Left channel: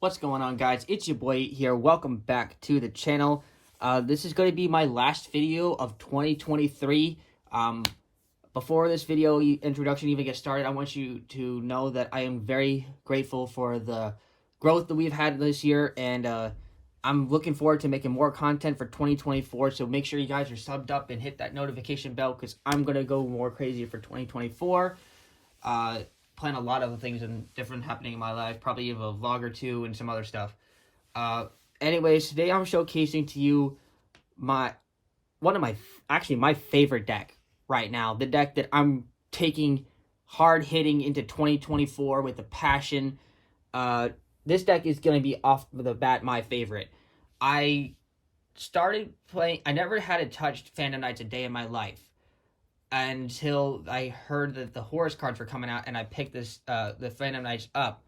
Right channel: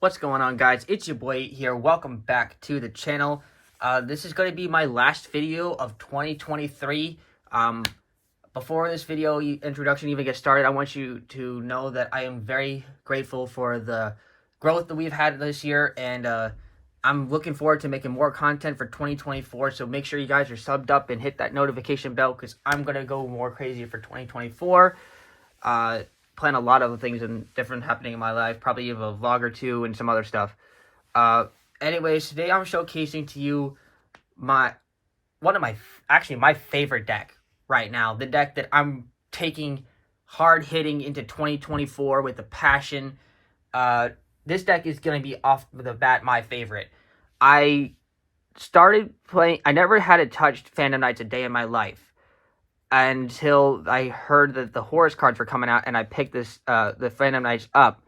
What's going on, guys? It's your boy here. Welcome back to the channel. This is going to be my last video of 2023. Before this video introduction even gets started, I want you to know that I am very grateful for the growth that we've had this year, and I'm looking forward to making more content for 2024. So make sure you guys are subbed up and hit that notification bell, because I'm going to go more crazy for 2024. Plan a lot of things and different happening in my life, probably even a vlog or two and some other stuff. Anyways, today I'm showcasing to you my favorite deck right now, the deck that I'm taking hard hitting into 2024 with a passion. This deck is going to be off the bat my favorite. I never had touched Phantom Knights a day in my life until I heard that the Horus cards were coming out, and I picked the Phantom Knights up.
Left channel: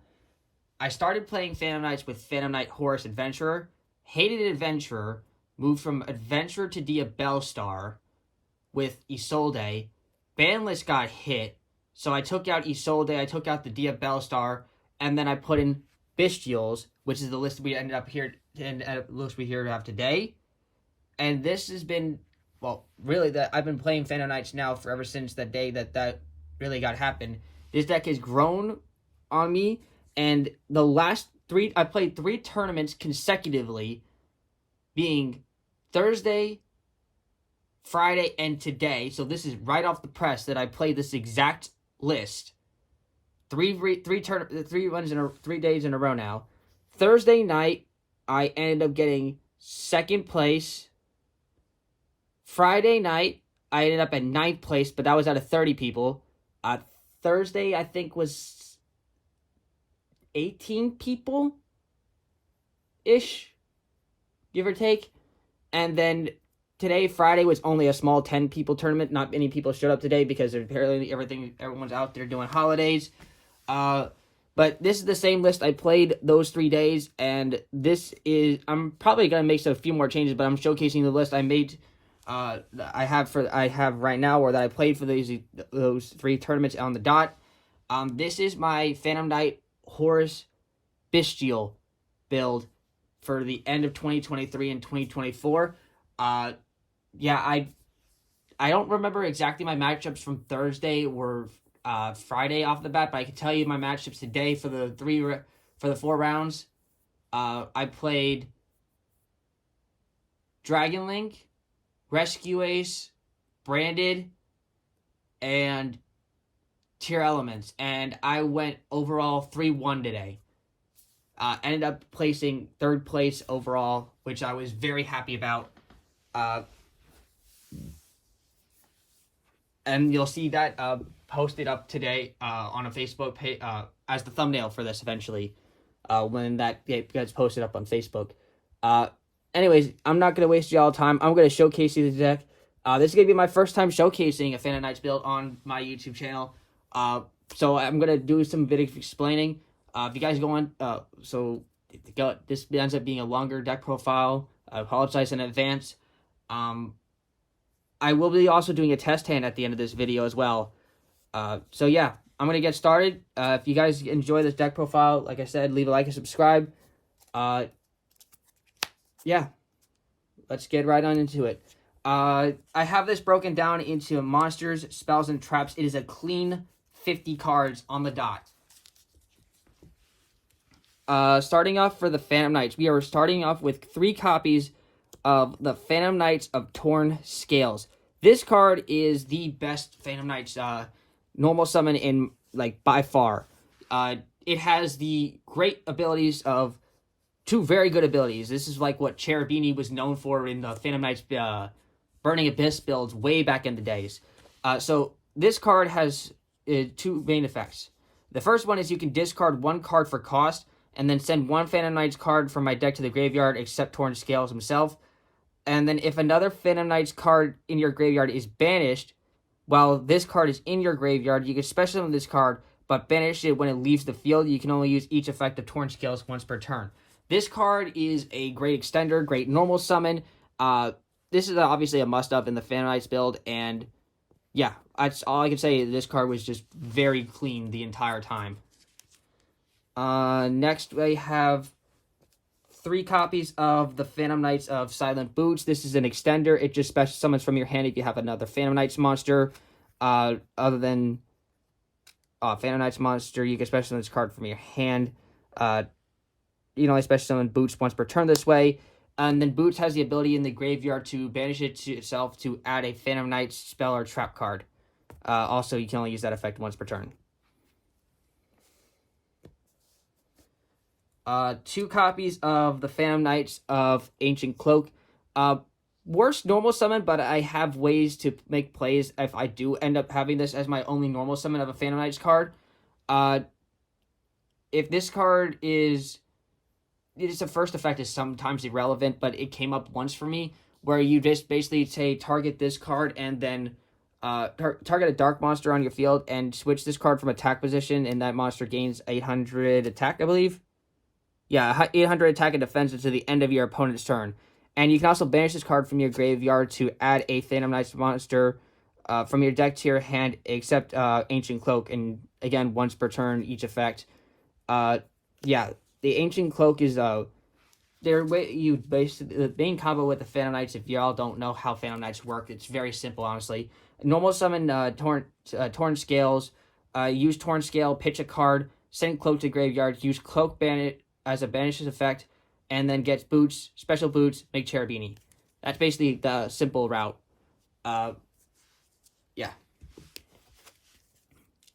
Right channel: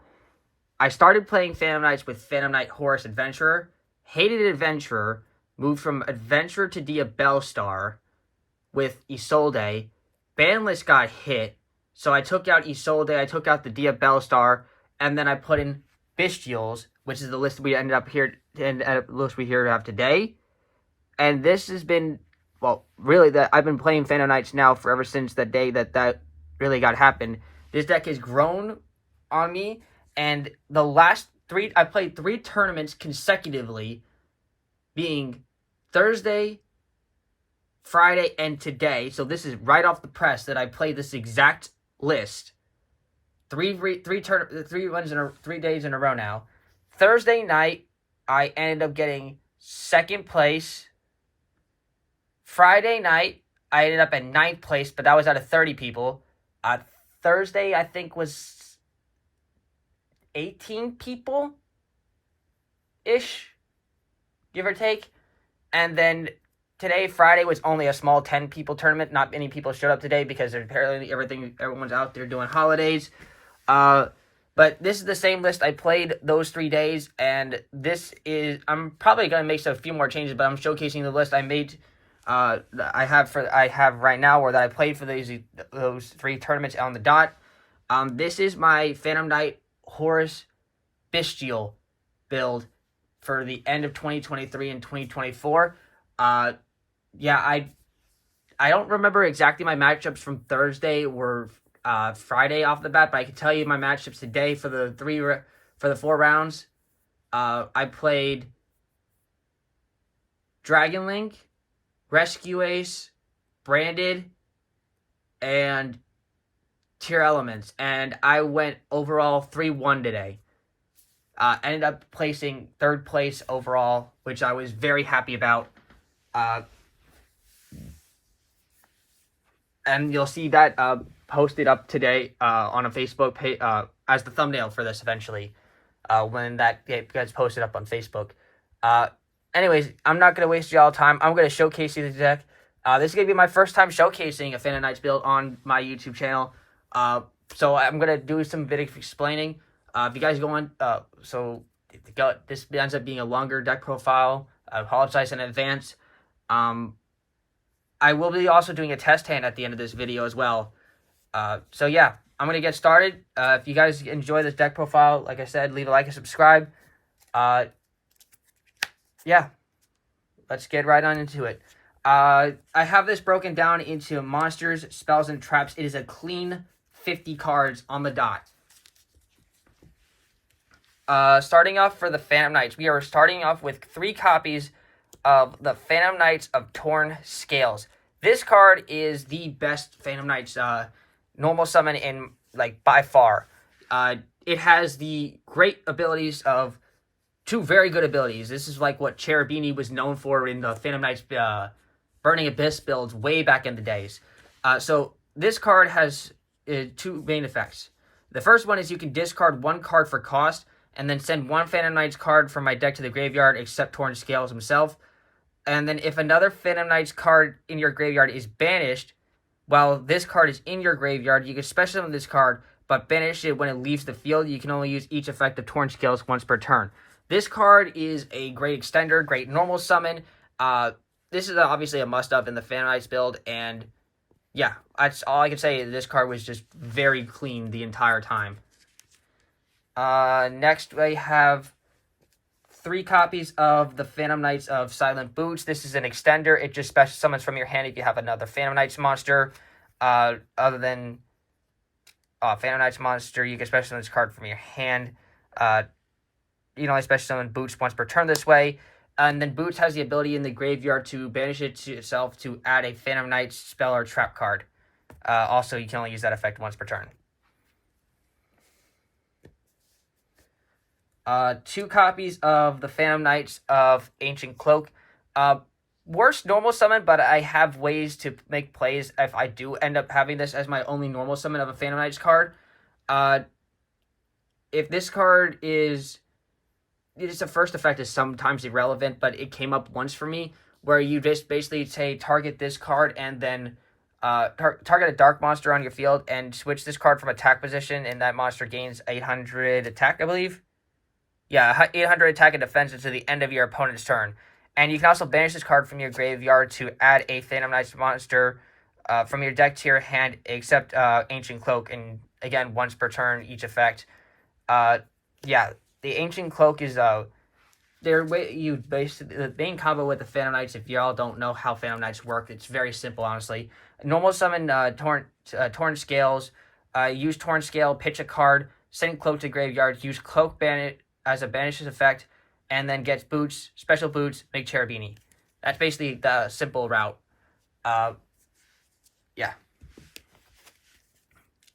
I started playing Phantom Knights with Phantom Knight Horus Adventurer, hated Adventurer, moved from Adventurer to Diabellstar with Isolde. Ban list got hit, so I took out Isolde, I took out the Diabellstar, and then I put in Bystials, which is the list we ended up here to have today. And this has been, well, really, I've been playing Phantom Knights now for ever since the day that really got happened. This deck has grown on me, and the last I played 3 tournaments consecutively, being Thursday, Friday, and today. So this is right off the press that I played this exact list. 3 days in a row now. Thursday night, I ended up getting 2nd place. Friday night, I ended up at 9th place, but that was out of 30 people. Thursday, I think, was 18 people-ish, give or take. And then today, Friday, was only a small 10-people tournament. Not many people showed up today because apparently everyone's out there doing holidays. But this is the same list I played those 3 days, and I'm probably going to make a few more changes, but I'm showcasing the list I made. I have right now, or that I played for those 3 tournaments on the dot. This is my Phantom Knight Horus Bystial build for the end of 2023 and 2024. Yeah, I don't remember exactly my matchups from Thursday or Friday off the bat, but I can tell you my matchups today for the 4 rounds. I played Dragon Link, Rescue Ace, Branded, and Tier Elements, and I went overall 3-1 today. Ended up placing 3rd place overall, which I was very happy about. And you'll see that posted up today on a Facebook page as the thumbnail for this eventually, when that gets posted up on Facebook. Anyways, I'm not going to waste y'all time. I'm going to showcase you the deck. This is going to be my first time showcasing a Phantom Knights build on my YouTube channel. So I'm going to do some video explaining. If you guys go on, this ends up being a longer deck profile. I apologize in advance. I will be also doing a test hand at the end of this video as well. So yeah, I'm going to get started. If you guys enjoy this deck profile, like I said, leave a like and subscribe. Yeah, let's get right on into it. I have this broken down into monsters, spells, and traps. It is a clean 50 cards on the dot. Starting off for the Phantom Knights, we are starting off with 3 copies of the Phantom Knights of Torn Scales. This card is the best Phantom Knights normal summon in, by far. It has the great abilities of 2 very good abilities. This is like what Cherubini was known for in the Phantom Knights Burning Abyss builds way back in the days. So this card has 2 main effects. The first one is you can discard 1 card for cost, and then send 1 Phantom Knights card from my deck to the graveyard, except Torn Scales himself. And then if another Phantom Knights card in your graveyard is banished, while this card is in your graveyard, you can special summon this card, but banish it when it leaves the field. You can only use each effect of Torn Scales once per turn. This card is a great extender, great normal summon. This is obviously a must-have in the Phantom Knights build, and yeah, that's all I can say. This card was just very clean the entire time. Next, I have 3 copies of the Phantom Knights of Silent Boots. This is an extender. It just special summons from your hand if you have another Phantom Knights monster. Other than Phantom Knights monster, you can special summon this card from your hand. You know, I special summon Boots once per turn this way. And then Boots has the ability in the graveyard to banish it to itself to add a Phantom Knights spell or trap card. Also, you can only use that effect once per turn. 2 copies of the Phantom Knights of Ancient Cloak. Worst normal summon, but I have ways to make plays if I do end up having this as my only normal summon of a Phantom Knights card. If this card is... Its first effect is sometimes irrelevant, but it came up once for me, where you just basically say target this card and then target a dark monster on your field and switch this card from attack position, and that monster gains 800 attack, I believe. Yeah, 800 attack and defense until the end of your opponent's turn. And you can also banish this card from your graveyard to add a Phantom Knights monster from your deck to your hand, except Ancient Cloak, and again, once per turn, each effect. Yeah, the Ancient Cloak is the main combo with the Phantom Knights. If y'all don't know how Phantom Knights work, it's very simple, honestly. Normal summon Torn Scales, use Torn Scale, pitch a card, send Cloak to graveyard, use Cloak as a banishes effect, and then gets Boots, Special Boots, make Cherubini. That's basically the simple route. Yeah.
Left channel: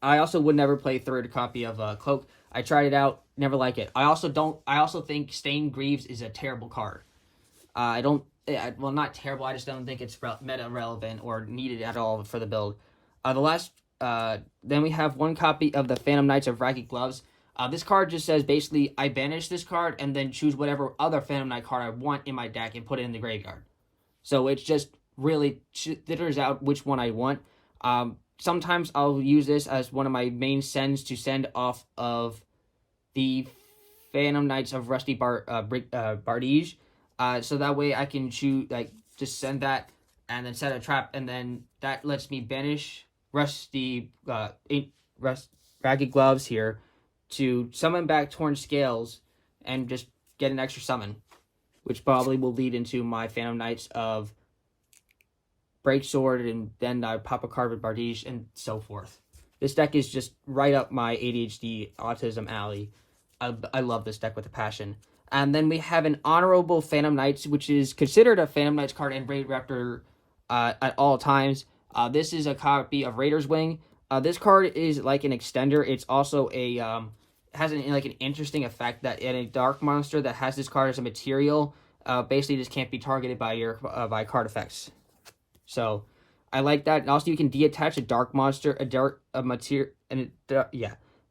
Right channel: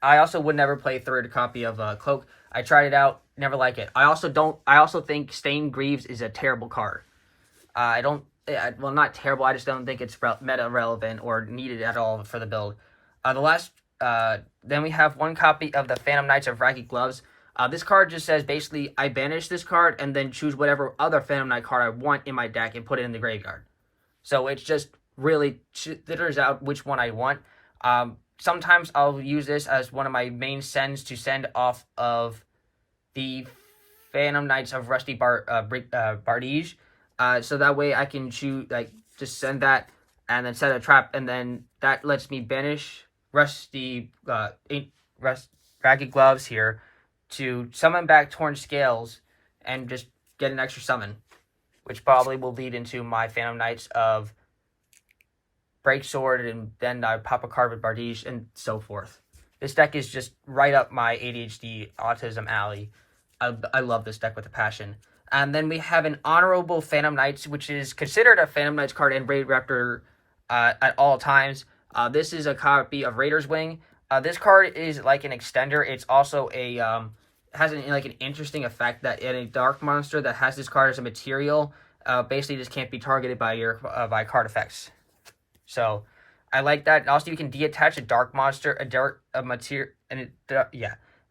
I also would never play third copy of Cloak. I tried it out, never like it. I also think Stain Greaves is a terrible card. Well, not terrible, I just don't think it's meta relevant or needed at all for the build. Then we have 1 copy of the Phantom Knights of Ragged Gloves. This card just says, basically, I banish this card and then choose whatever other Phantom Knight card I want in my deck and put it in the graveyard. So it's just really filters out which one I want. Sometimes I'll use this as one of my main sends to send off of the Phantom Knights of Rusty Bardige. So that way I can choose, just send that and then set a trap, and then that lets me banish Ragged Gloves here to summon back Torn Scales and just get an extra summon, which probably will lead into my Phantom Knights of Breaksword, and then I pop a card with Bardige and so forth. This deck is just right up my ADHD autism alley. I love this deck with a passion. And then we have an Honorable Phantom Knights, which is considered a Phantom Knights card and Raid Raptor at all times. This is a copy of Raider's Wing. This card is like an extender. It's also has an interesting effect that in a dark monster that has this card as a material, basically just can't be targeted by card effects. So I like that. And also you can detach a dark monster,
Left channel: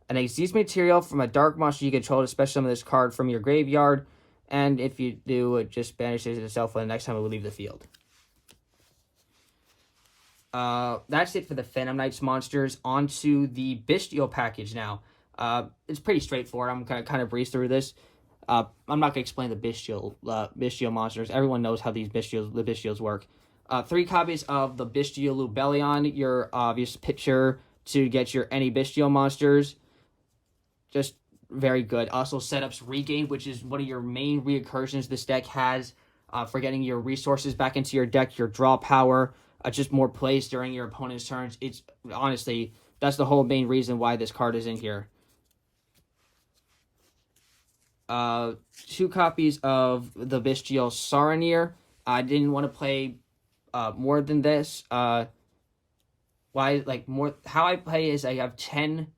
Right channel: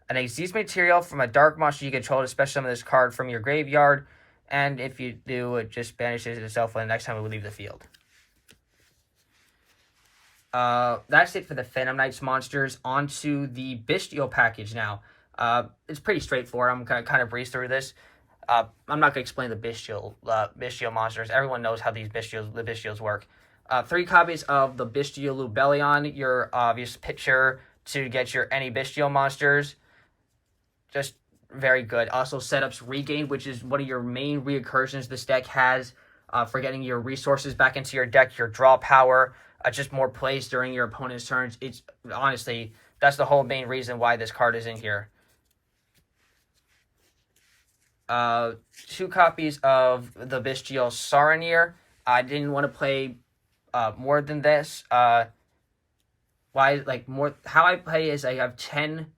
an exist material from a dark monster you control to special summon this card from your graveyard. And if you do, it just banishes itself for the next time we leave the field. That's it for the Phantom Knights monsters. On to the Bystial package now. It's pretty straightforward. I'm going to kind of breeze through this. I'm not going to explain the Bystial monsters. Everyone knows how the Bystials work. 3 copies of the Bystial Lubellion, your obvious picture to get your any Bystial monsters. Just very good. Also, setups Regain, which is one of your main reoccursions this deck has for getting your resources back into your deck, your draw power, just more plays during your opponent's turns. It's honestly, that's the whole main reason why this card is in here. 2 copies of the Bystial Saronir. I didn't want to play more than this. How I play is I have 10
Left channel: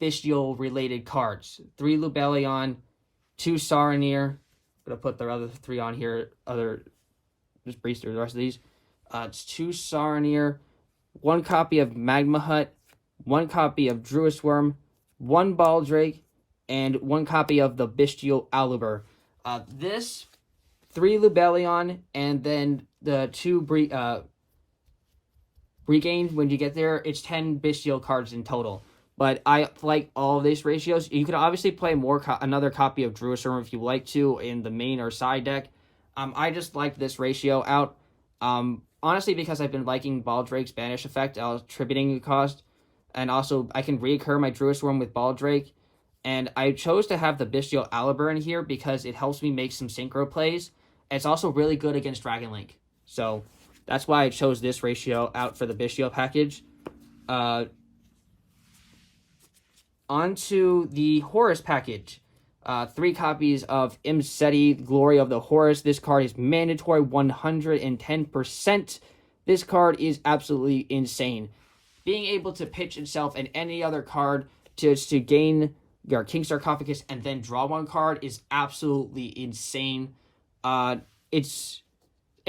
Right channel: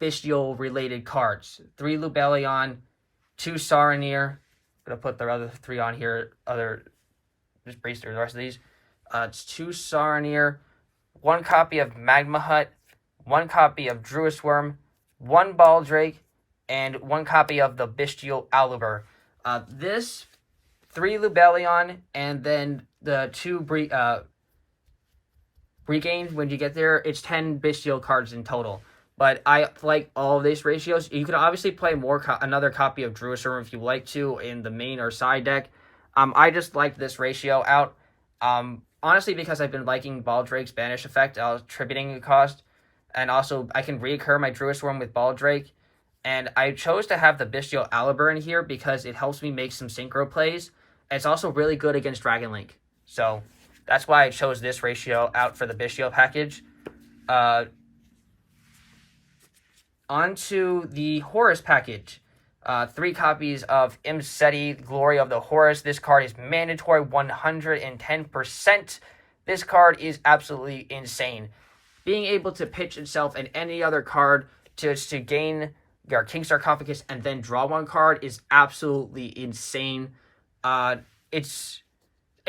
Bystial related cards. 3 Lubellion, 2 Saronir. I'm gonna put the other 3 on here. Just breeze through the rest of these. It's 2 Saronir, 1 copy of Magma Hut, 1 copy of Druid Worm, 1 Baldrake, and 1 copy of the Bystial Aluber. This 3 Lubellion, and then the 2 Regain. When you get there, it's 10 Bystial cards in total. But I like all of these ratios. You could obviously play another copy of Druid Worm if you like to in the main or side deck. I just like this ratio out. Honestly, because I've been liking Baldrake's banish effect, attributing the cost. And also, I can reoccur my Druid Worm with Baldrake. And I chose to have the Bystial Labrynth in here because it helps me make some synchro plays. And it's also really good against Dragon Link. So that's why I chose this ratio out for the Bystial package. Onto the Horus package. 3 copies of Imseti, Glory of the Horus. This card is mandatory 110%. This card is absolutely insane. Being able to pitch itself and any other card to gain your King Sarcophagus and then draw 1 card is absolutely insane. It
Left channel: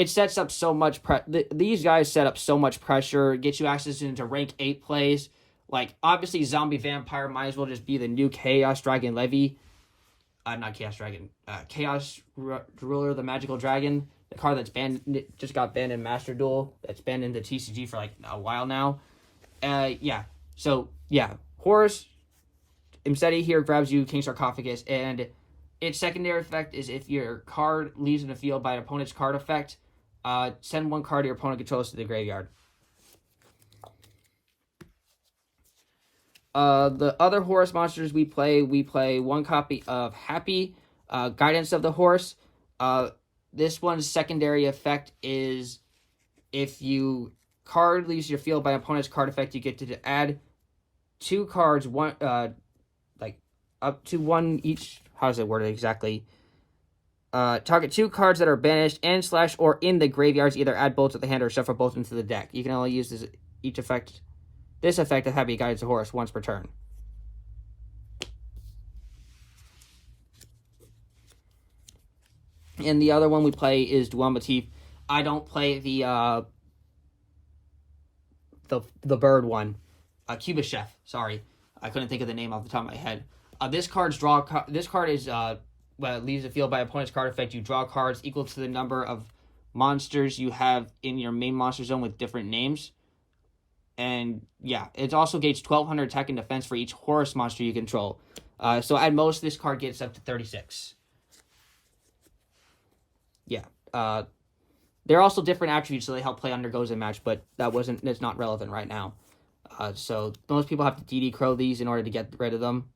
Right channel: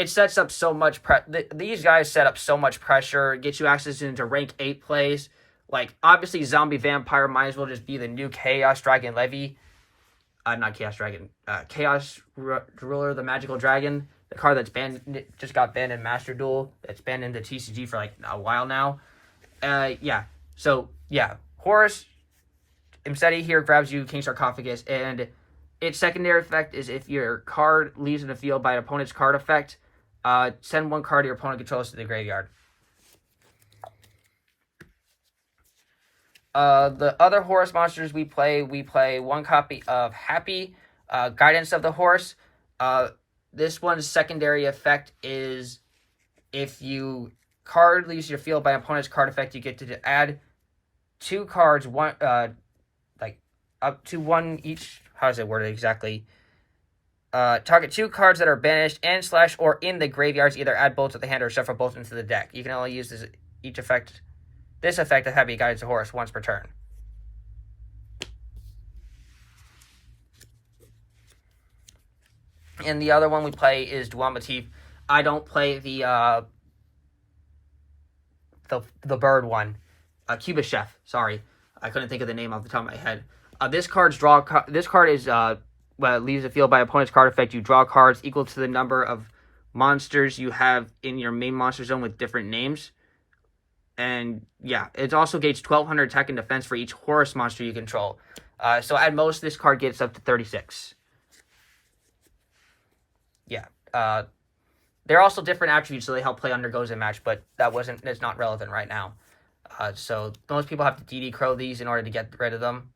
sets up so much these guys set up so much pressure, get you access into rank 8 plays. Like, obviously, Zombie Vampire might as well just be the new Chaos Dragon Levy. Not Chaos Dragon. Chaos Ruler, the Magical Dragon. The card that's banned, just got banned in Master Duel. That's banned in the TCG for, like, a while now. Yeah. So, yeah. Horus, Imseti here grabs you King Sarcophagus, and its secondary effect is if your card leaves in the field by an opponent's card effect, send 1 card your opponent controls to the graveyard. The other Horus monsters we play 1 copy of Happy, Guidance of the Horus. This one's secondary effect is if you card leaves your field by opponent's card effect, you get to add 2 cards, like up to 1 each. How is it worded exactly? Target 2 cards that are banished and / or in the graveyards. Either add both to the hand or shuffle both into the deck. You can only use this effect of Happy Guidance of Horus once per turn. And the other one we play is Dwell Motif. I don't play the bird one. Cuba Chef, sorry. I couldn't think of the name off the top of my head. This card is leaves the field by opponent's card effect. You draw cards equal to the number of monsters you have in your main monster zone with different names. And yeah, it also gains 1200 attack and defense for each Horus monster you control. So at most, this card gets up to 36. Yeah. There are also different attributes, so they help play Undergoes in match, but it's not relevant right now. So most people have to DD Crow these in order to get rid of them.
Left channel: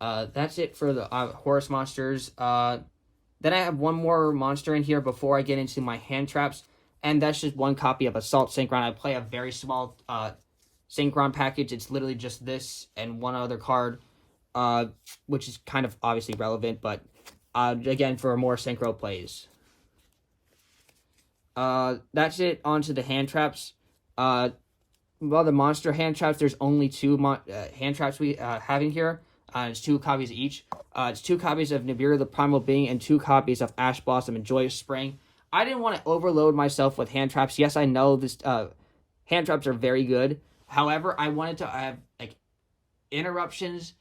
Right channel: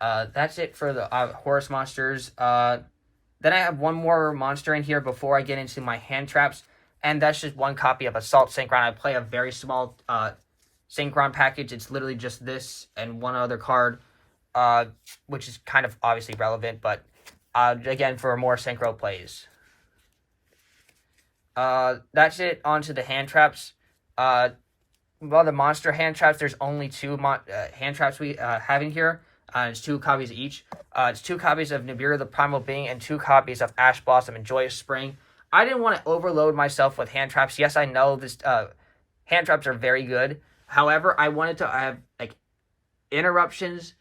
That's it for the Horus monsters. Then I have 1 more monster in here before I get into my hand traps. And that's just 1 copy of Assault Synchron. I play a very small Synchron package. It's literally just this and 1 other card, which is kind of obviously relevant, but again, for more Synchro plays. That's it. On to the hand traps. Well, the monster hand traps, there's only 2 hand traps we have in here. It's 2 copies each. It's 2 copies of Nibiru the Primal Being and 2 copies of Ash Blossom and Joyous Spring. I didn't want to overload myself with hand traps. Yes, I know this hand traps are very good. However, I wanted to have like interruptions.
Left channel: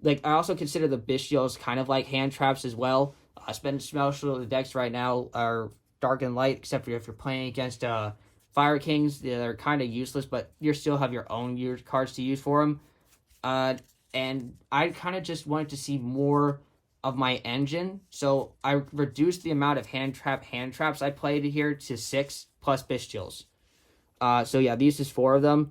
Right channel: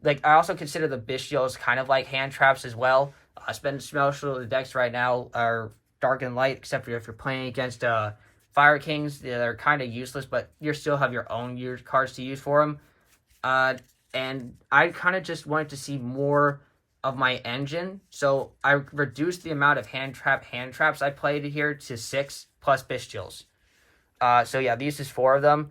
Like, I also consider the Bystials kind of like hand traps as well. Most of the decks right now are dark and light, except for if you're playing against Fire Kings. They're kind of useless, but you still have your own cards to use for them. And I kind of just wanted to see more of my engine, so I reduced the amount of hand traps I played here to 6 plus Bystials. So yeah, these is 4 of them,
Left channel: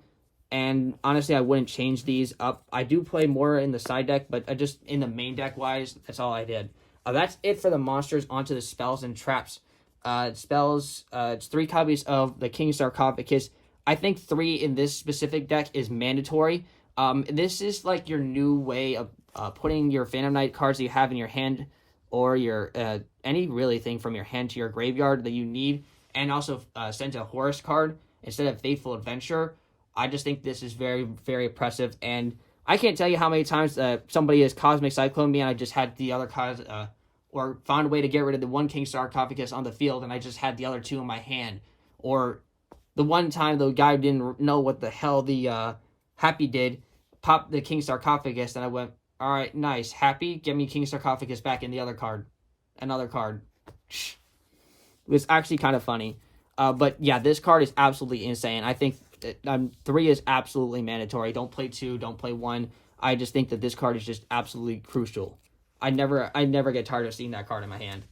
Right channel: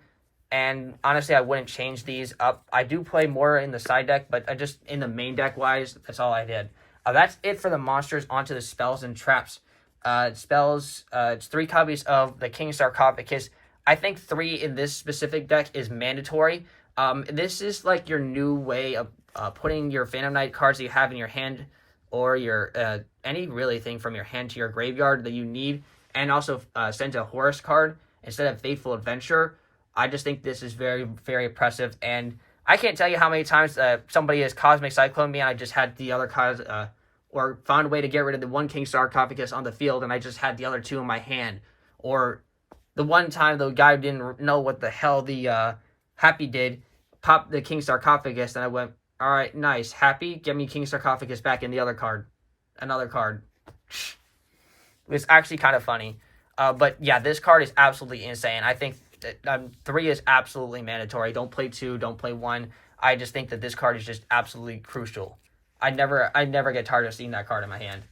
and honestly, I wouldn't change these up. I do play more in the side deck, but I just in the main deck wise, that's all I did. That's it for the monsters. Onto the spells and traps. Spells. It's 3 copies of the King Sarcophagus. I think 3 in this specific deck is mandatory. This is like your new way of putting your Phantom Knight cards that you have in your hand, or your any really thing from your hand to your graveyard that you need, and also send a Horus card instead of Faithful Adventure. I just think this is very, very impressive, and I can't tell you how many times somebody has Cosmic Cyclone me and I just had the other cards, or found a way to get rid of the 1 King Sarcophagus on the field and I just had the other 2 in my hand. Or the one time the guy didn't know what the hell the Happy did, popped the King Sarcophagus, and I went, all right, nice. Happy, get me King Sarcophagus back in the other card. Another card. It was actually kind of funny. But yeah, this card is absolutely insane. I think 3 is absolutely mandatory. Don't play 2, don't play 1. I just think that this card is just absolutely crucial. I never get tired of seeing that card in my hand.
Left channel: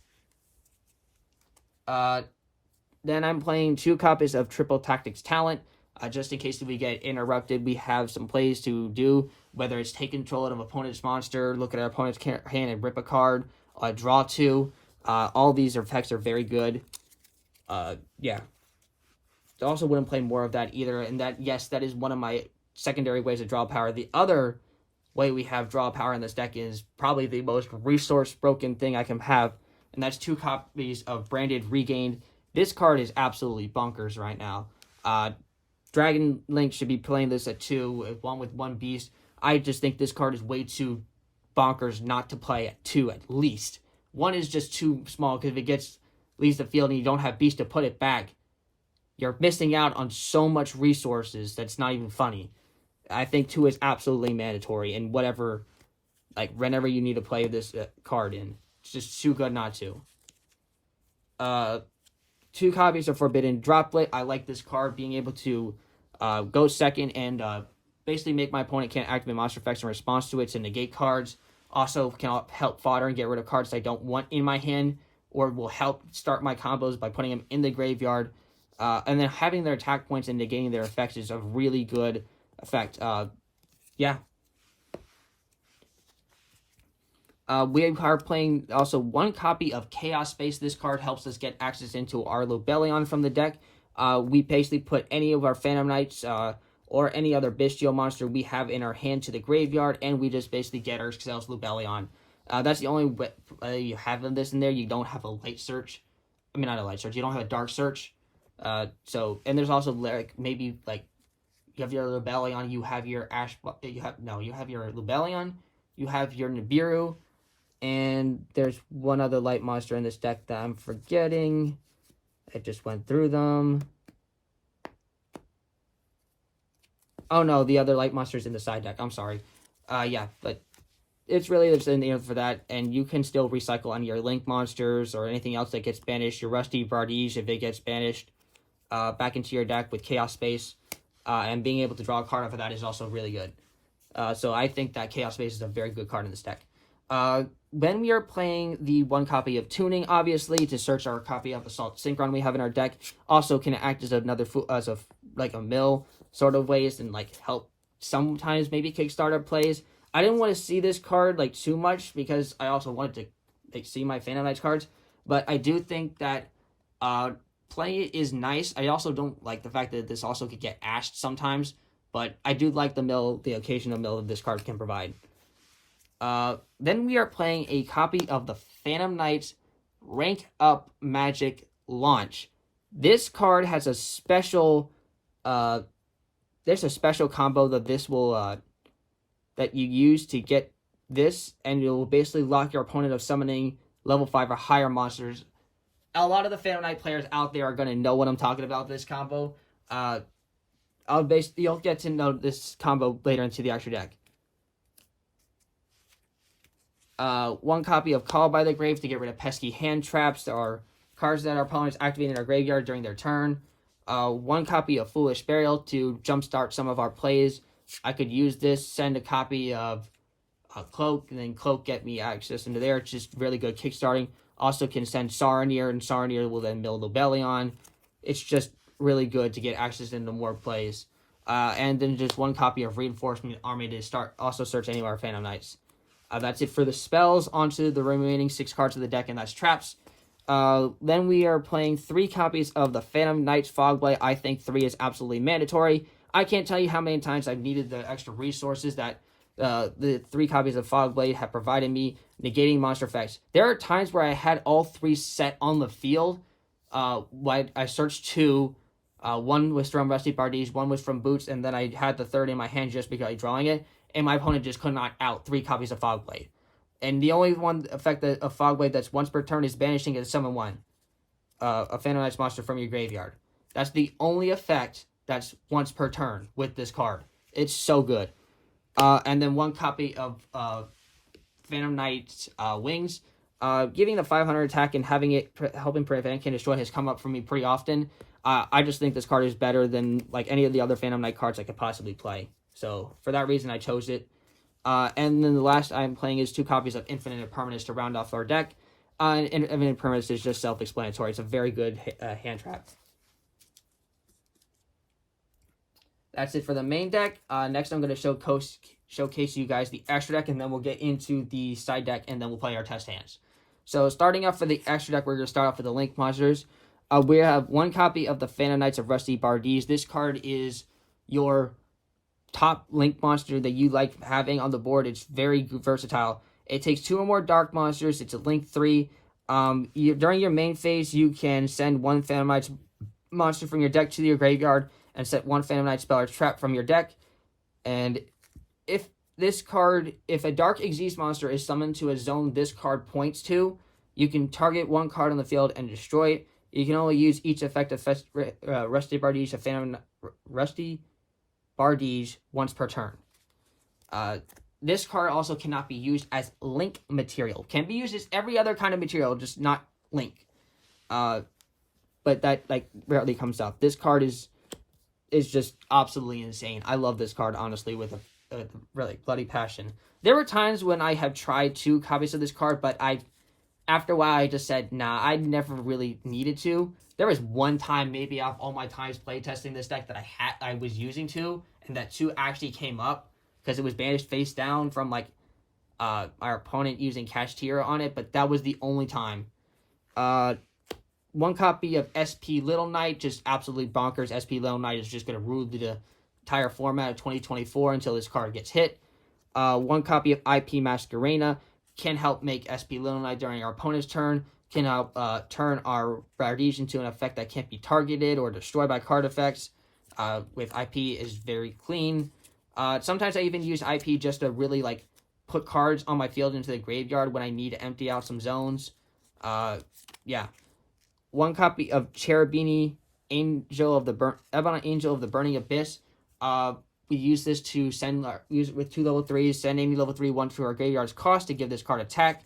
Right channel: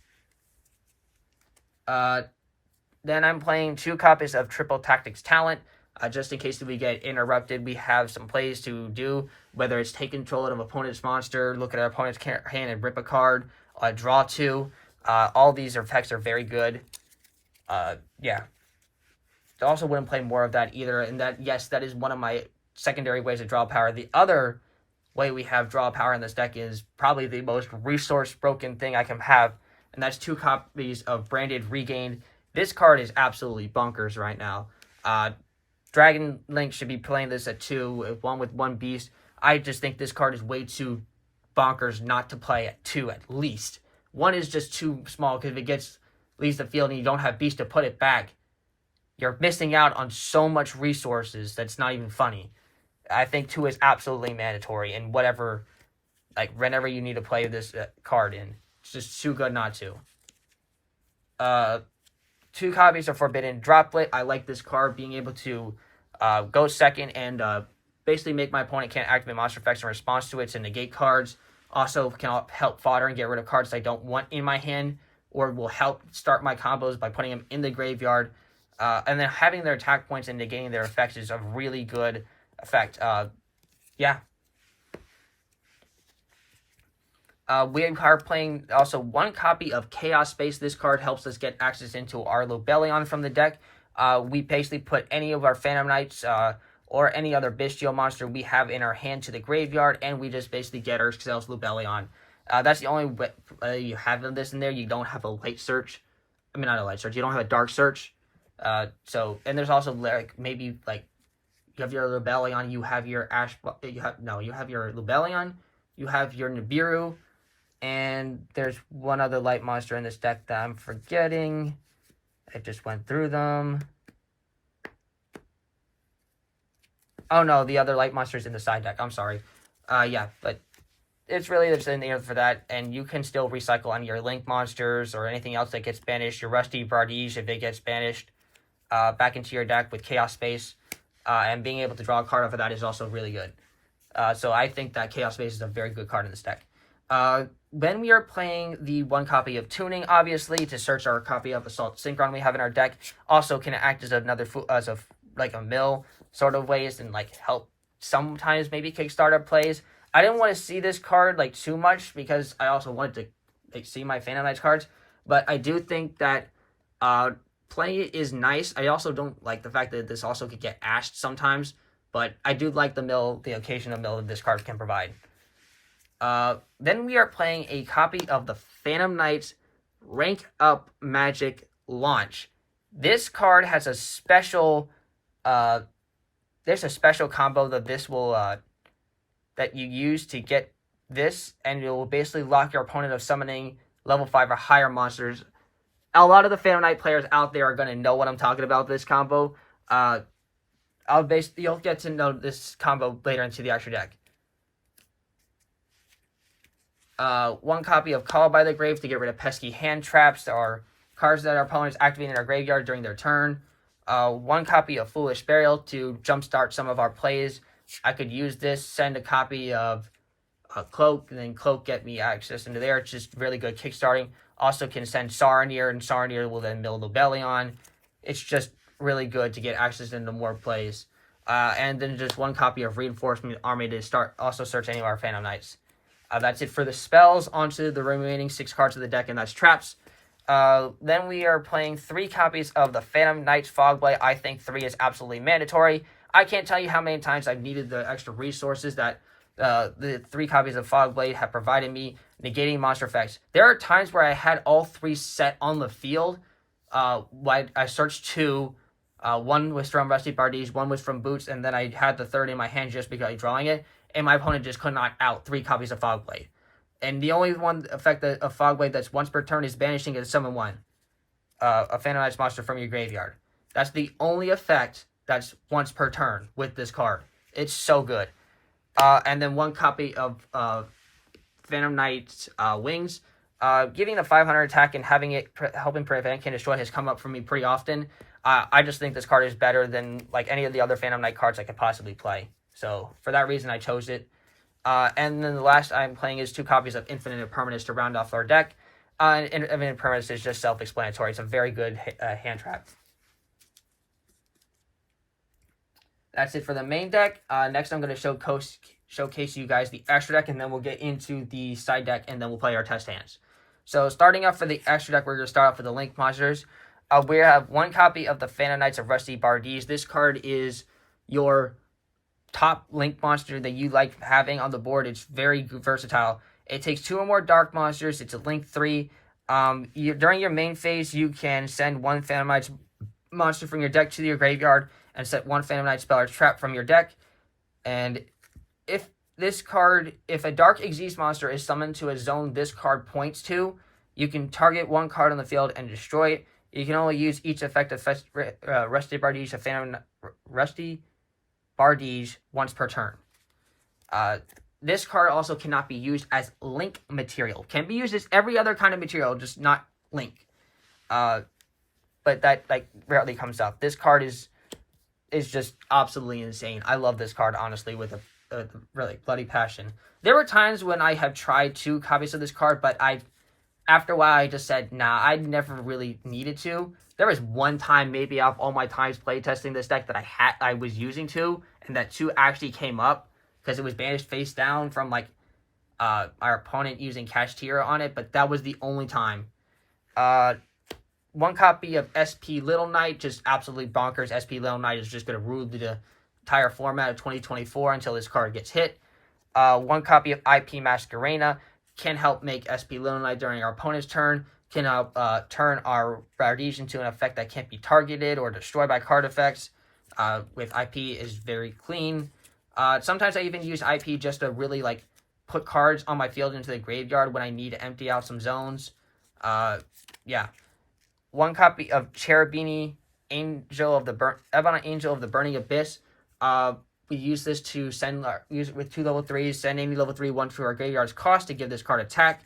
Then I'm playing 2 copies of Triple Tactics Talent. just in case we get interrupted. We have some plays to do, whether it's take control of an opponent's monster, look at our opponent's hand and rip a card, draw 2. All these effects are very good. Yeah. I also wouldn't play more of that either, and that, yes, that is one of my secondary ways of draw power. The other way we have draw power in this deck is probably the most resource broken thing I can have, and that's 2 copies of Branded Regained. This card is absolutely bonkers right now. Dragon Link should be playing this at 2, one with 1 beast. I just think this card is way too bonkers not to play at 2 at least. 1 is just too small, because if it leaves the field and you don't have beast to put it back, you're missing out on so much resources that's not even funny. I think 2 is absolutely mandatory, and whenever you need to play this card in. It's just too good not to. 2 copies of Forbidden Droplet. I like this card, being able to go second and basically make my opponent can't activate monster effects in response to it to negate cards. Also can help fodder and get rid of cards I don't want in my hand, or will help start my combos by putting them in the graveyard. And then having their attack points and negating their effects is a really good effect. Yeah. We are playing also 1 copy of Chaos Space. This card helps us get access into our Lobelion from the deck. We basically put any of our Phantom Knights or any other Bystial monster we have in our hand to the graveyard, and we just basically get ourselves Lobelion. That's the only way you have this in there. You don't have a light search. I mean, not a light search. You don't have a dark search. And there's also maybe you have your Lobelion, you have your you have your Lobelion, you have your Nibiru, and there's one other light monster in this deck that I'm forgetting. I just went through them. Oh no, the other light monster's in the side deck. I'm sorry. Yeah, but it's really just in there for that, and you can still recycle on your Link monsters or anything else that gets banished. Your Rusty Bardige, if it gets banished, back into your deck with Chaos Space, and being able to draw a card off of that is also really good. So I think that Chaos Space is a very good card in this deck. When we are playing the 1 copy of Tuning, obviously, to search our copy of Assault Synchron we have in our deck, also can act as another a mill sort of ways, and help sometimes maybe kickstart plays. I didn't want to see this card too much, because I also wanted to see my Phantom Knights cards, but I do think that playing it is nice. I also don't like the fact that this also could get ashed sometimes, but I do like the occasional mill that this card can provide. Then we are playing a copy of the Phantom Knights Rank Up Magic Launch. This card has a special there's a special combo that this will that you use to get this, and it will basically lock your opponent of summoning level 5 or higher monsters. A lot of the Phantom Knight players out there are going to know what I'm talking about, this combo. You'll get to know this combo later into the actual deck. 1 copy of Call by the Grave to get rid of pesky hand traps or cards that our opponents activate in our graveyard during their turn. 1 copy of Foolish Burial to jumpstart some of our plays. I could use this, send a copy of Cloak, and then Cloak get me access into there. It's just really good kickstarting. Also can send Saronir, and Saronir will then mill Lobelion. It's just really good to get access into more plays. And then just 1 copy of Reinforcement Army to also search any of our Phantom Knights. That's it for the spells. Onto the remaining 6 cards of the deck, and that's traps. Then we are playing 3 copies of the Phantom Knights Fogblade. I think 3 is absolutely mandatory. I can't tell you how many times I've needed the extra resources that the 3 copies of Fogblade have provided me, negating monster effects. There are times where I had all 3 set on the field. I searched 2. 1 was from Rusty Bardige, 1 was from Boots, and then I had the 3rd in my hand just because I was drawing it, and my opponent just could not out 3 copies of Fogblade. And the only one effect of Fogblade that's once per turn is banishing a summon 1. A Phantom Knights monster from your graveyard. That's the only effect that's once per turn with this card. It's so good. And then 1 copy of Phantom Knights Wings. Giving the 500 attack and having it helping prevent can destroy has come up for me pretty often. I just think this card is better than any of the other Phantom Knight cards I could possibly play. So for that reason, I chose it. And then the last I'm playing is 2 copies of Infinite Impermanence to round off our deck. Infinite Impermanence is just self-explanatory. It's a very good hand trap. That's it for the main deck. Next, I'm going to showcase you guys the extra deck, and then we'll get into the side deck, and then we'll play our test hands. So, starting off for the extra deck, we're going to start off with the Link Monsters. We have one copy of the Phantom Knights of Rusty Bardies. This card is your top Link monster that you like having on the board. It's very versatile. It takes 2 or more Dark Monsters. It's a Link 3. During your main phase, you can send one Phantom Knights monster from your deck to your graveyard and set one Phantom Knight spell or trap from your deck. And if a Dark Xyz monster is summoned to a zone this card points to, you can target one card on the field and destroy it. You can only use each effect of Rusty Bardies of Phantom Rusty Bardies once per turn. This card also cannot be used as Link material. Can be used as every other kind of material, just not Link. But that rarely comes up. This card is just absolutely insane. I love this card, honestly, with a really bloody passion. There were times when I have tried 2 copies of this card, but after a while I just said, nah, I never really needed to. There was one time, maybe out of all my times playtesting this deck, that I was using 2, and that 2 actually came up because it was banished face down from our opponent using Kashtira on it, but that was the only time. One copy of SP Little Knight, just absolutely bonkers. SP Little Knight is just going to rule the entire format of 2024 until this card gets hit. One copy of IP Masquerena can help make SP Little Knight during our opponent's turn, can help turn our Bardies into an effect that can't be targeted or destroyed by card effects. With IP is very clean. Sometimes I even use IP just to really put cards on my field into the graveyard when I need to empty out some zones. Yeah. One copy of Cherubini, Ebon Angel of the Burning Abyss. We use this to use it with 2 level 3s, send any level 3 one to our graveyard's cost to give this card attack.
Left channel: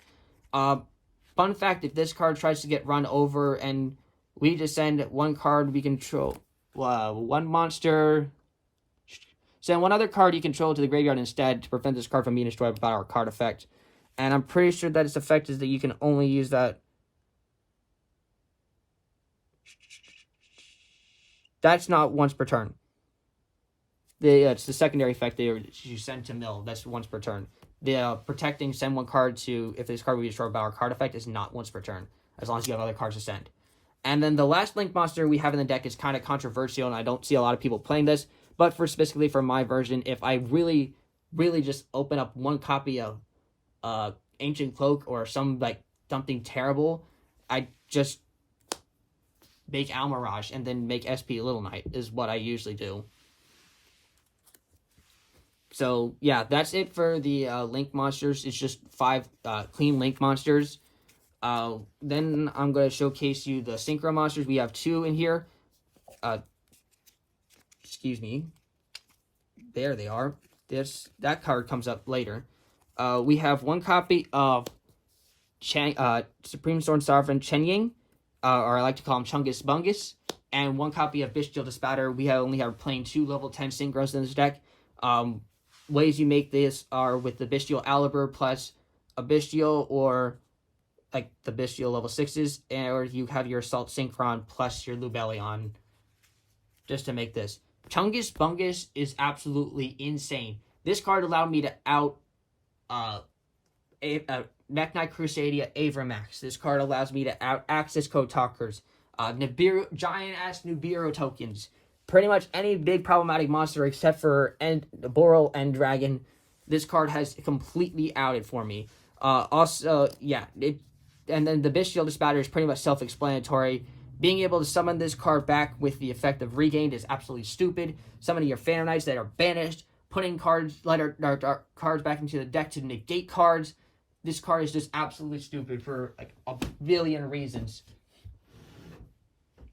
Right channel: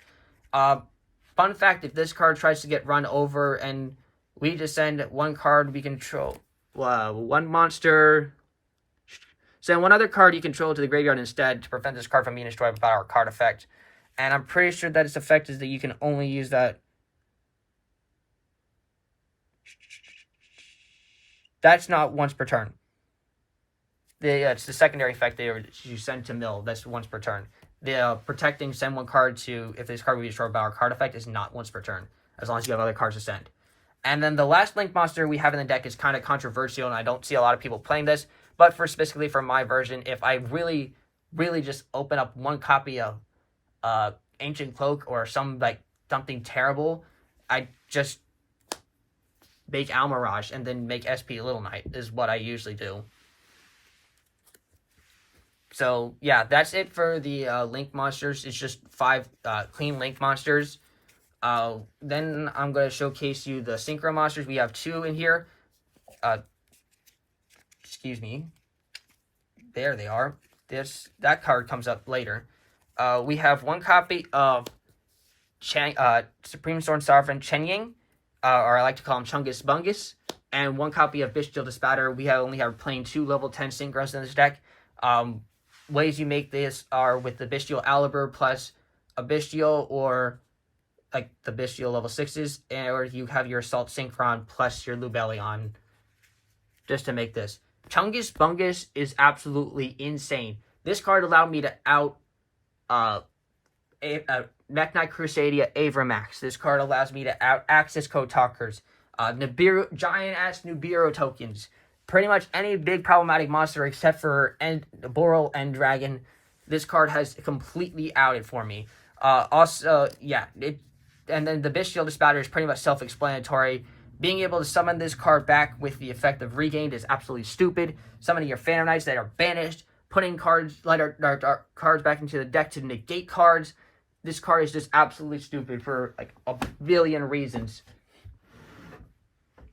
Fun fact, if this card tries to get run over and we just send one card we control, one monster, send one other card you control to the graveyard instead to prevent this card from being destroyed by our card effect. And I'm pretty sure that its effect is that you can only use that. That's not once per turn. It's the secondary effect that you send to mill. That's once per turn. The protecting send one card to, if this card will be destroyed by our card effect, is not once per turn, as long as you have other cards to send. And then the last Link monster we have in the deck is kind of controversial, and I don't see a lot of people playing this, but specifically for my version, if I really, really just open up one copy of Ancient Cloak or something terrible, I just make Almirage and then make SP Little Knight is what I usually do. So yeah, that's it for the Link monsters. It's just 5 clean Link monsters. Then I'm going to showcase you the Synchro monsters. We have 2 in here. Excuse me. There they are. That card comes up later. We have 1 copy of Supreme Sword Sovereign Chenying, or I like to call him Chungus Bungus, and 1 copy of Bystial Despatter. We only have playing 2 level 10 Synchros in this deck. Ways you make this are with the Bystial Aliber plus a Bystial, or the Bystial level 6s, or you have your Assault Synchron plus your Lubellion, just to make this. Chungus Bungus is absolutely insane. This card allowed me to out Mech Knight Crusadia Avramax. This card allows me to out Axis Code Talkers, giant-ass Nibiru tokens. Pretty much any big problematic monster except for Boral and Dragon, this card has completely outed for me. Yeah, and then the Bystial Despatter is pretty much self-explanatory. Being able to summon this card back with the effect of Regained is absolutely stupid. Summoning your Phantom Knights that are banished, putting cards cards back into the deck to negate cards. This card is just absolutely stupid for a billion reasons.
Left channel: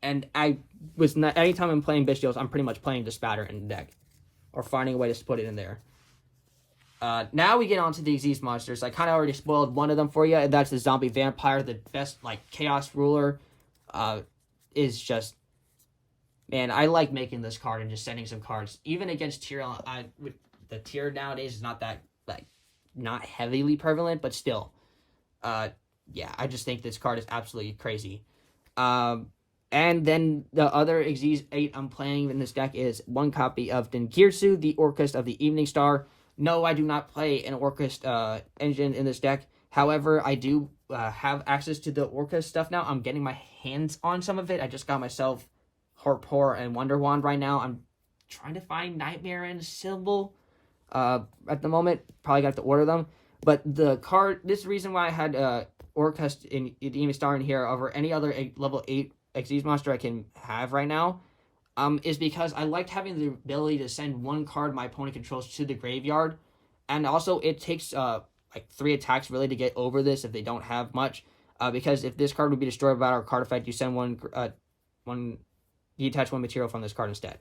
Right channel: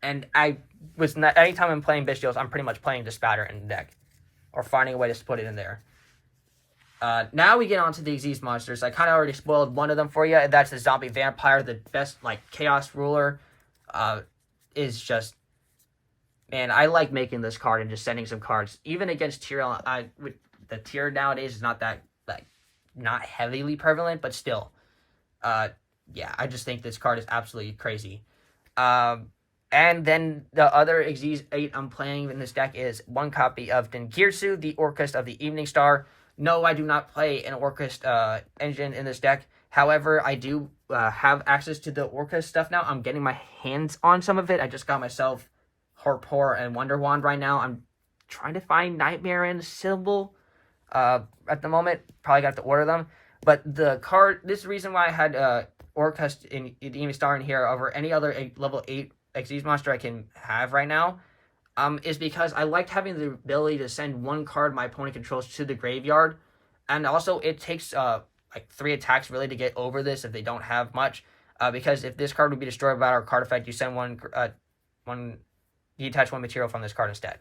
And anytime I'm playing Bystials, I'm pretty much playing Despatter in the deck, or finding a way to put it in there. Now we get on to the Xyz monsters. I kind of already spoiled one of them for you, and that's the Zombie Vampire. The best Chaos Ruler is just, man, I like making this card and just sending some cards. Even against tier, the tier nowadays is not that not heavily prevalent, but still, yeah, I just think this card is absolutely crazy. And then the other Xyz 8 I'm playing in this deck is one copy of Dengirsu, the Orcust of the Evening Star. No, I do not play an Orcust engine in this deck. However, I do have access to the Orcust stuff now. I'm getting my hands on some of it. I just got myself Horpor and Wonder Wand right now. I'm trying to find Nightmare and Symbol at the moment. Probably got to order them. But the card, this is the reason why I had Orcust in the Evening Star in here over any other level 8 Xyz monster I can have right now, is because I liked having the ability to send one card my opponent controls to the graveyard. And also, it takes like 3 attacks really to get over this if they don't have much. Because if this card would be destroyed by our card effect, you send you attach one material from this card instead.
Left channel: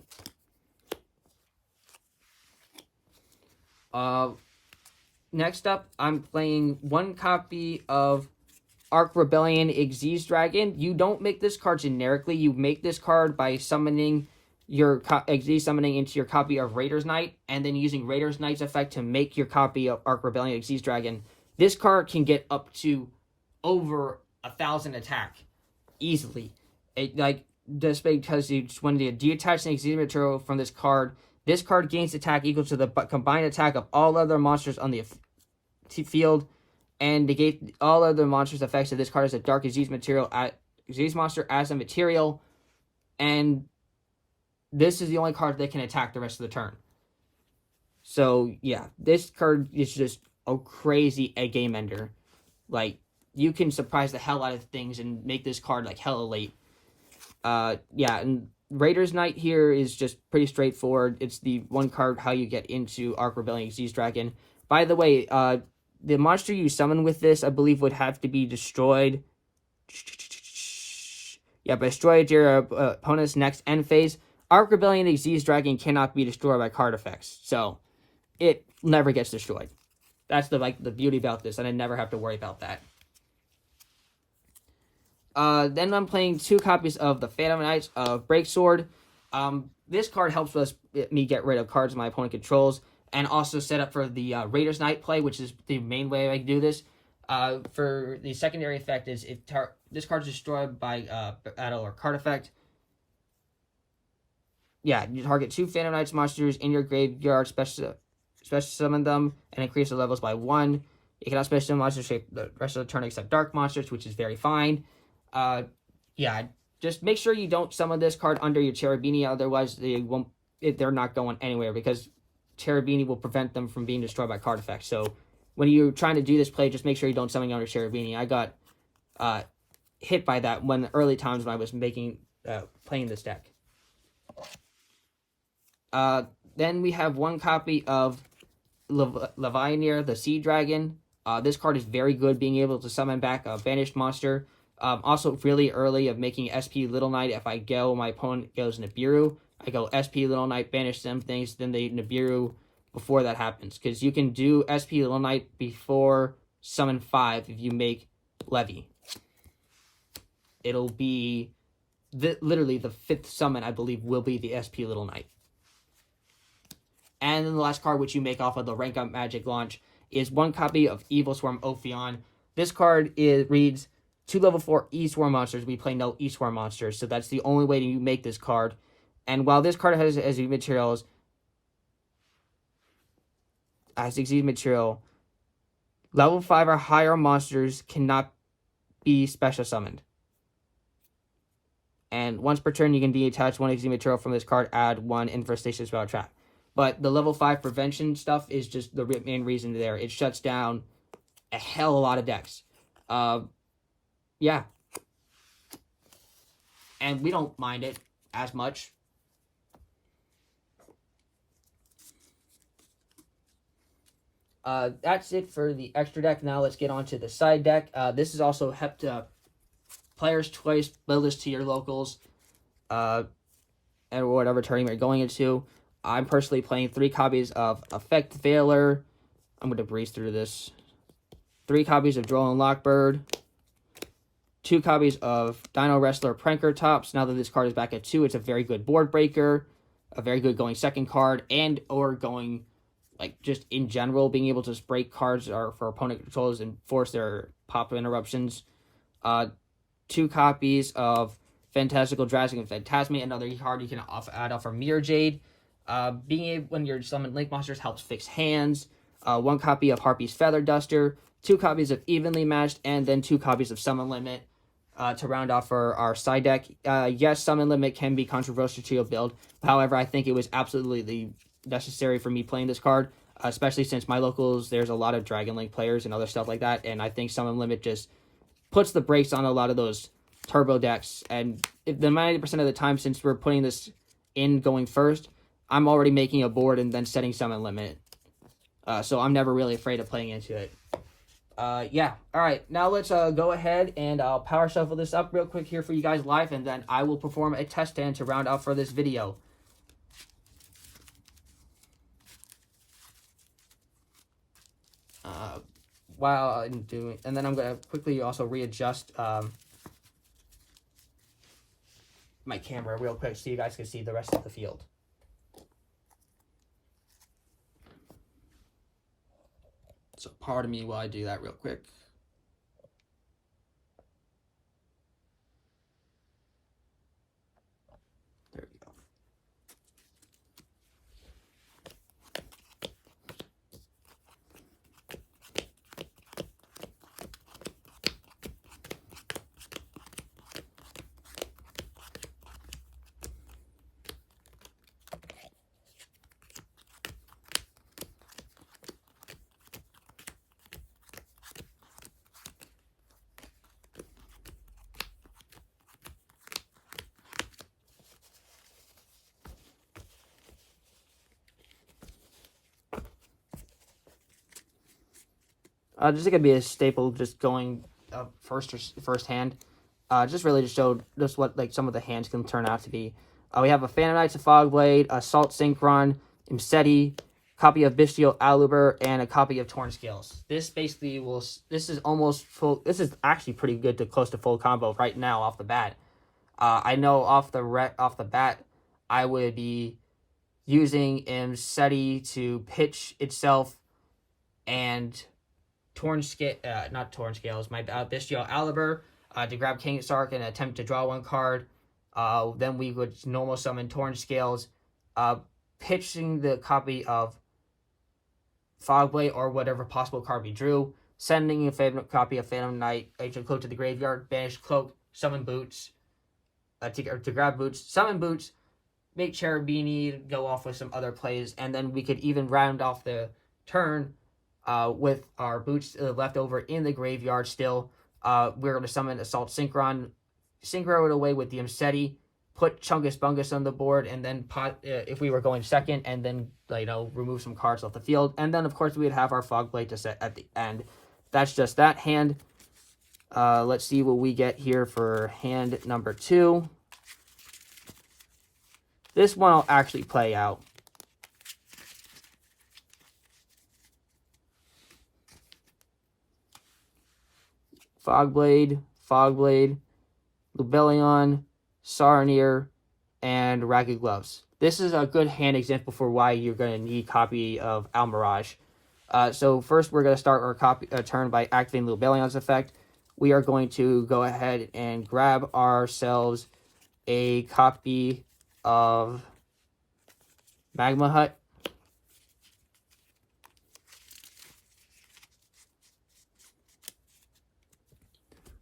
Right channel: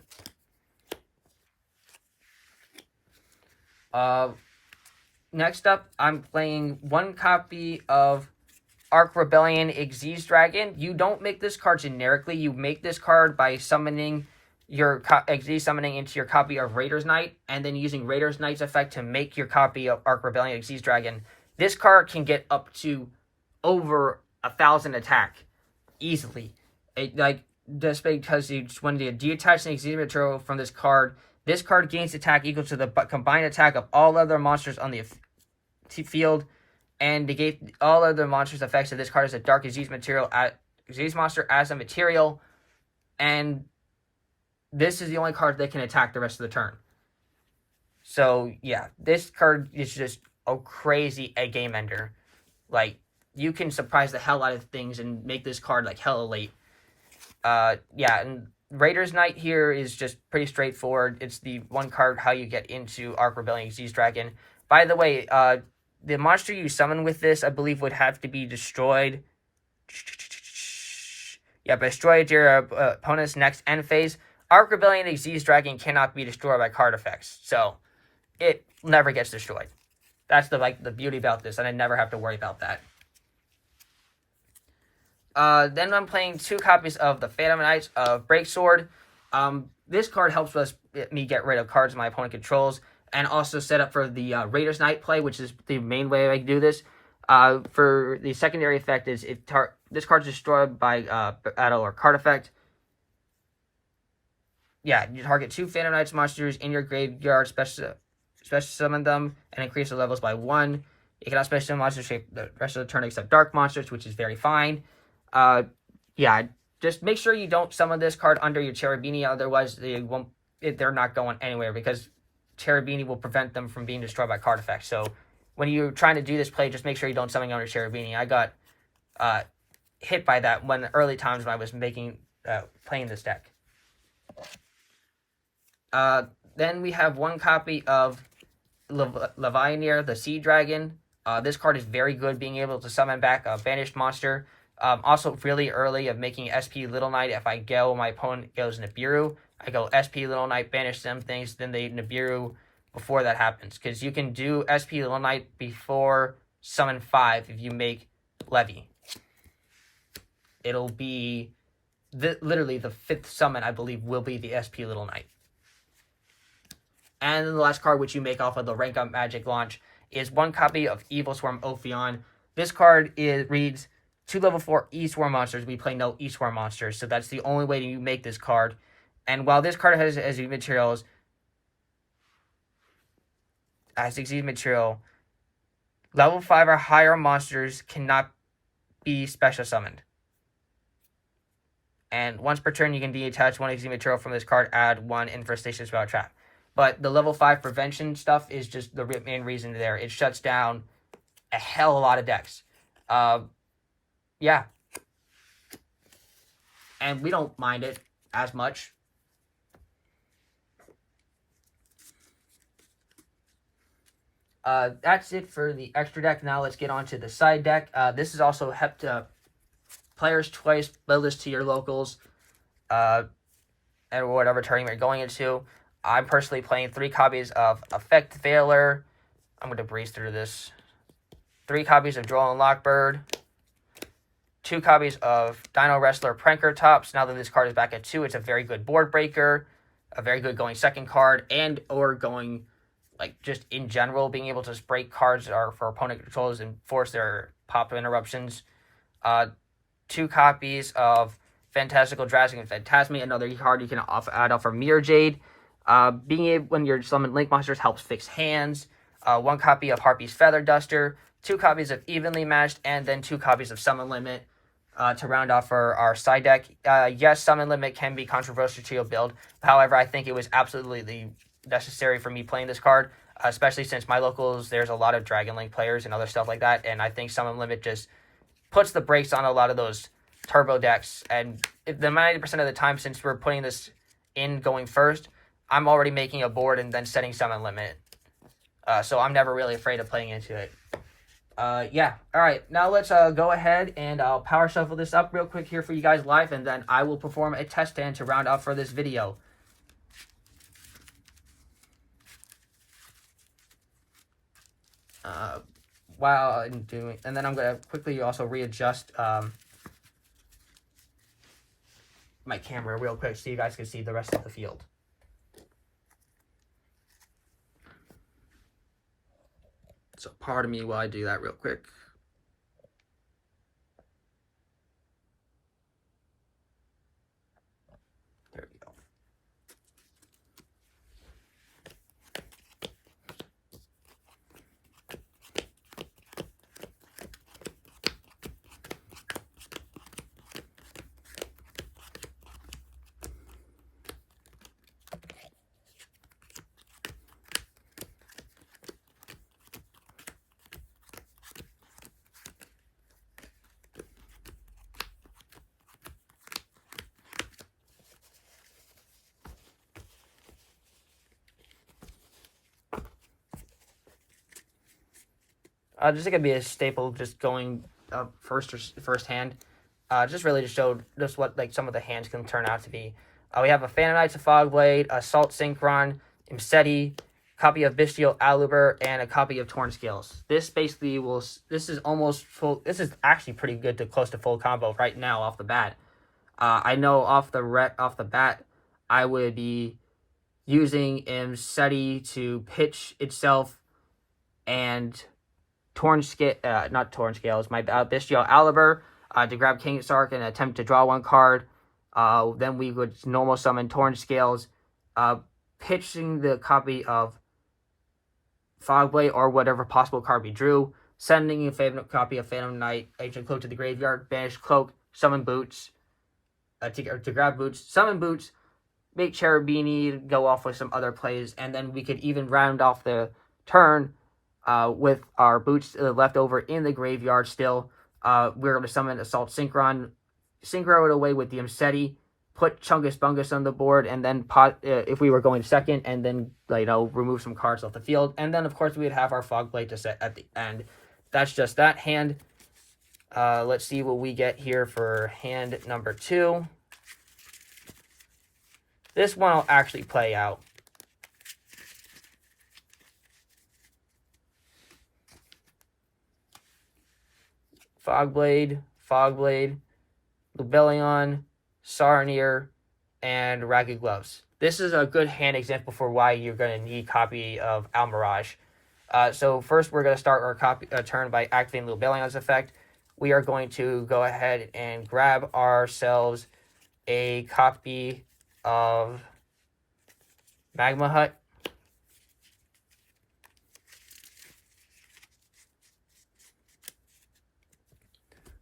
Next up, I'm playing one copy of Arc Rebellion Xyz Dragon. You don't make this card generically. You make this card by summoning your Xyz summoning into your copy of Raider's Knight, and then using Raider's Knight's effect to make your copy of Arc Rebellion Xyz Dragon. This card can get up to over 1,000 attack easily. Just because when you detach an Xyz material from this card gains attack equal to the combined attack of all other monsters on the field, and negate all other monsters' effects of this card as a dark Xyz monster as a material, and this is the only card that can attack the rest of the turn. So yeah, this card is just a crazy game ender. Like, you can surprise the hell out of things and make this card like hella late. Yeah, and Raider's Knight here is just pretty straightforward. It's the one card how you get into Arc Rebellion Xyz Dragon. By the way, the monster you summon with this, I believe, would have to be destroyed. Yeah, but destroyed your opponent's next end phase. Arc Rebellion Xyz Dragon cannot be destroyed by card effects, so it never gets destroyed. That's the beauty about this, and I never have to worry about that. Then I'm playing 2 copies of the Phantom Knights of Breaksword. This card helps me get rid of cards my opponent controls, and also set up for the Raider's Knight play, which is the main way I can do this. For the secondary effect is if this card is destroyed by battle or card effect. Yeah, you target 2 Phantom Knights monsters in your graveyard, special summon them, and increase the levels by 1. You cannot special summon monsters shape the rest of the turn except dark monsters, which is very fine. Yeah, just make sure you don't summon this card under your Cherubini, otherwise they're not going anywhere, because Cherubini will prevent them from being destroyed by card effects. So when you're trying to do this play, just make sure you don't summon under Cherubini. I got hit by that when early times when I was playing this deck. Then we have one copy of Levianir, the Sea Dragon. This card is very good, being able to summon back a banished monster. Also really early of making SP Little Knight. If I go, my opponent goes Nibiru. I go SP Little Knight, banish some things, then they Nibiru before that happens. Because you can do SP Little Knight before summon 5 if you make Levy. It'll be literally the 5th summon, I believe, will be the SP Little Knight. And then the last card which you make off of the Rank Up Magic launch is one copy of Evil Swarm Ophion. This card reads 2 level 4 E-Swarm monsters. We play no E-Swarm monsters, so that's the only way you make this card. And while this card has Xyz materials, level 5 or higher monsters cannot be special summoned. And once per turn, you can detach 1 Xyz material from this card, add 1 Infestation Spell Trap. But the level 5 prevention stuff is just the main reason there. It shuts down a hell of a lot of decks. Yeah. And we don't mind it as much. That's it for the extra deck. Now let's get on to the side deck. This is also player's choice. Build this to your locals. And whatever tournament you're going into. I'm personally playing 3 copies of Effect Veiler. I'm going to breeze through this. 3 copies of Droll and Lockbird. 2 copies of Dino Wrestler Pranker Tops. Now that this card is back at 2, it's a very good board breaker. A very good going second card. And or going, like, just in general, being able to break cards for opponent controls and force their pop interruptions. 2 copies of Fantastical Drastic and Phantasmate, another card you can add off for Mirror Jade. Being able, when you're summoning Link monsters, helps fix hands. 1 copy of Harpy's Feather Duster, 2 copies of Evenly Matched, and then 2 copies of Summon Limit to round off our side deck. Yes, Summon Limit can be controversial to your build. However, I think it was absolutely necessary for me playing this card, especially since my locals, there's a lot of Dragon Link players and other stuff like that, and I think Summon Limit just puts the brakes on a lot of those turbo decks. And if the 90% of the time, since we're putting this in going first, I'm already making a board and then setting Summon Limit. So I'm never really afraid of playing into it. Yeah. All right. Now let's go ahead and I'll power shuffle this up real quick here for you guys live, and then I will perform a test stand to round out for this video. While I'm doing, and then I'm gonna quickly also readjust my camera real quick so you guys can see the rest of the field. So pardon me while I do that real quick. There we go. Just gonna be a staple, just going first hand. Just really to show just what like some of the hands can turn out to be. We have a Phantom Knights of Fogblade, Assault Synchron, Imseti, copy of Bystial Aluber, and a copy of Torn Scales. This basically will. This is almost full. This is actually pretty good to close to full combo right now off the bat. I know off the bat, I would be using Imseti to pitch itself and not Torn Scales, my Bystial Aluber to grab King Sark and attempt to draw 1 card. Then we would normal summon Torn Scales, pitching the copy of Fogblade or whatever possible card we drew, sending a favorite copy of Phantom Knight, Ancient Cloak to the graveyard, banish Cloak, summon Boots, to grab Boots, summon Boots, make Cherubini go off with some other plays, and then we could even round off the turn with our Boots left over in the graveyard still. We're going to summon Assault Synchron, Synchro it away with the Imseti, put Chungus Bungus on the board, and then if we were going second, and then remove some cards off the field. And then, of course, we'd have our Fogblade to set at the end. That's just that hand. Let's see what we get here for hand number 2. This one will actually play out. Fogblade, Lubellion, Saronir, and Ragged Gloves. This is a good hand example for why you're going to need a copy of Almirage. So first we're going to start our turn by activating Lubellion's effect. We are going to go ahead and grab ourselves a copy of Magma Hut.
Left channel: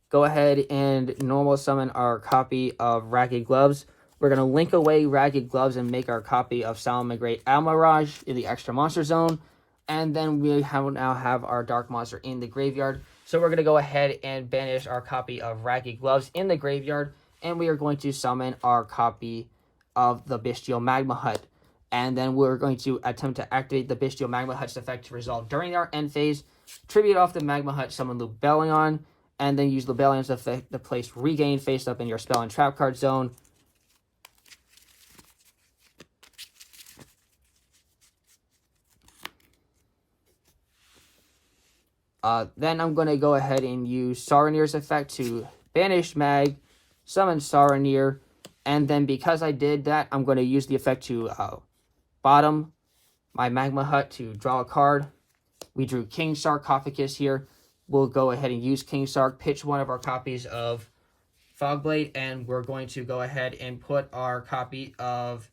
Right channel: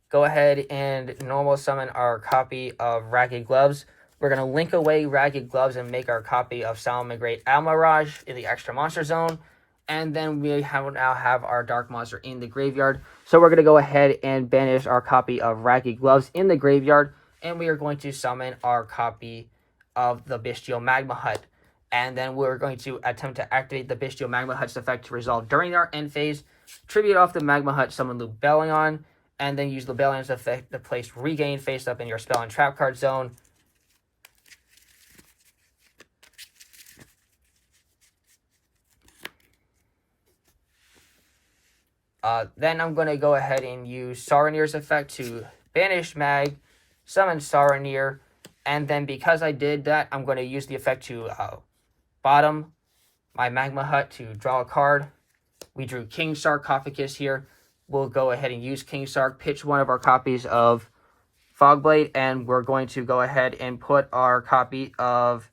Go ahead and normal summon our copy of Ragged Gloves. We're going to link away Ragged Gloves and make our copy of Salamangreat Almirage in the extra monster zone. And then we now have our Dark Monster in the graveyard. So we're going to go ahead and banish our copy of Ragged Gloves in the graveyard. And we are going to summon our copy of the Bystial Magma Hut. And then we're going to attempt to activate the Bystial Magma Hut's effect to resolve during our end phase. Tribute off the Magma Hut, summon Lubellion. And then use Lubellion's effect to place Regain face up in your spell and trap card zone. Then I'm going to go ahead and use Saronir's effect to banish Mag, summon Saronir, and then because I did that, I'm going to use the effect to bottom my Magma Hut to draw a card. We drew King Sarcophagus here. We'll go ahead and use King Sark, pitch one of our copies of Fogblade, and we're going to go ahead and put our copy of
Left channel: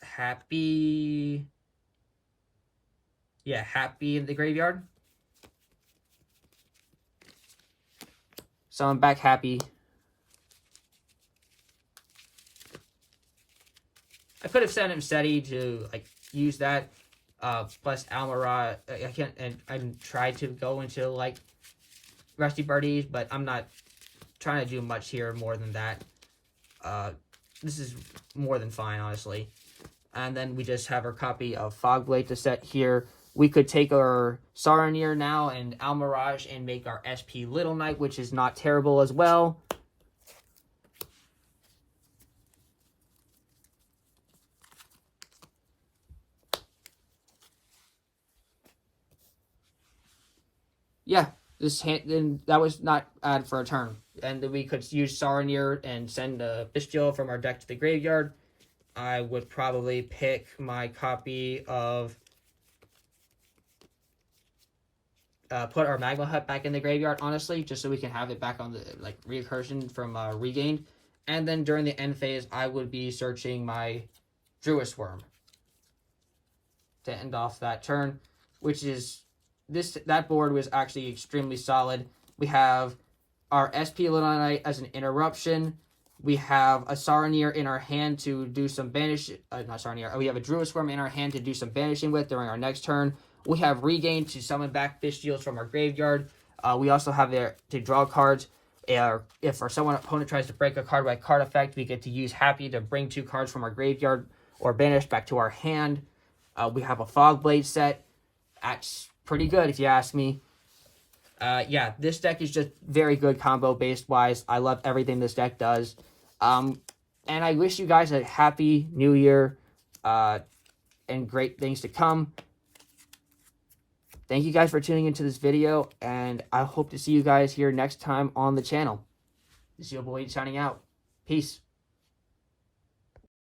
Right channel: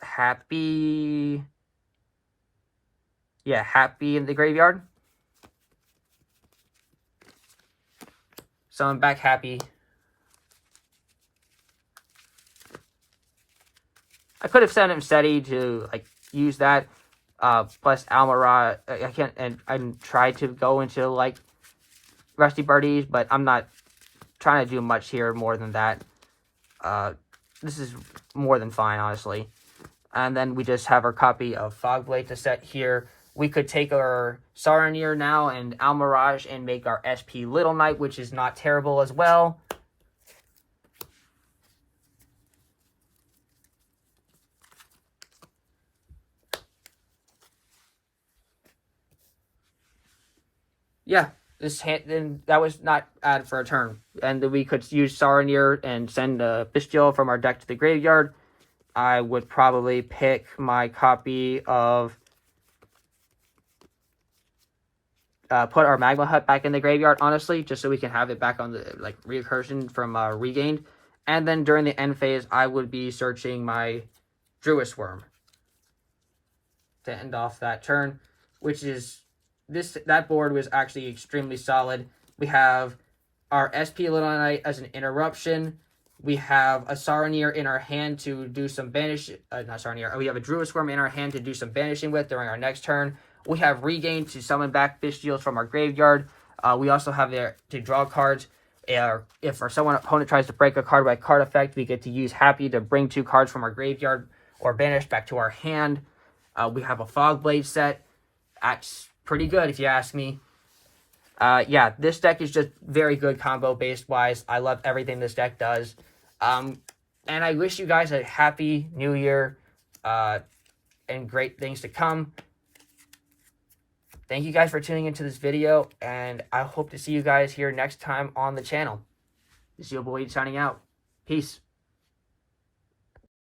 Happy in the graveyard. Summon back Happy. I could have sent him Seti to like use that. Plus Almiraj. I can't, and I tried to go into like Rusty Birdies, but I'm not trying to do much here more than that. This is more than fine, honestly. And then we just have our copy of Fogblade to set here. We could take our Saronir now and Almiraj and make our SP Little Knight, which is not terrible as well. Yeah, this hand, then that was not added for a turn. And then we could use Saronir and send a Bystial from our deck to the graveyard. I would probably pick my copy of... put our Magma Hut back in the graveyard, honestly, just so we can have it back on the, like, recursion from Regained. And then during the end phase, I would be searching my Druid Worm to end off that turn, which is... that board was actually extremely solid. We have our SP Little Knight as an interruption. We have a Saronir in our hand to do some banish. Not Saronir. We have a Druid Swarm in our hand to do some banishing with during our next turn. We have Regain to summon back Bystials from our graveyard. We also have there to draw cards. If our opponent tries to break a card by card effect, we get to use Happy to bring 2 cards from our graveyard or banish back to our hand. We have a Fogblade set. That's pretty good if you ask me. Yeah, this deck is just very good combo based wise. I love everything this deck does. And I wish you guys a happy new year and great things to come. Thank you guys for tuning into this video, and I hope to see you guys here next time on the channel. This is YahBoiYeet signing out. Peace.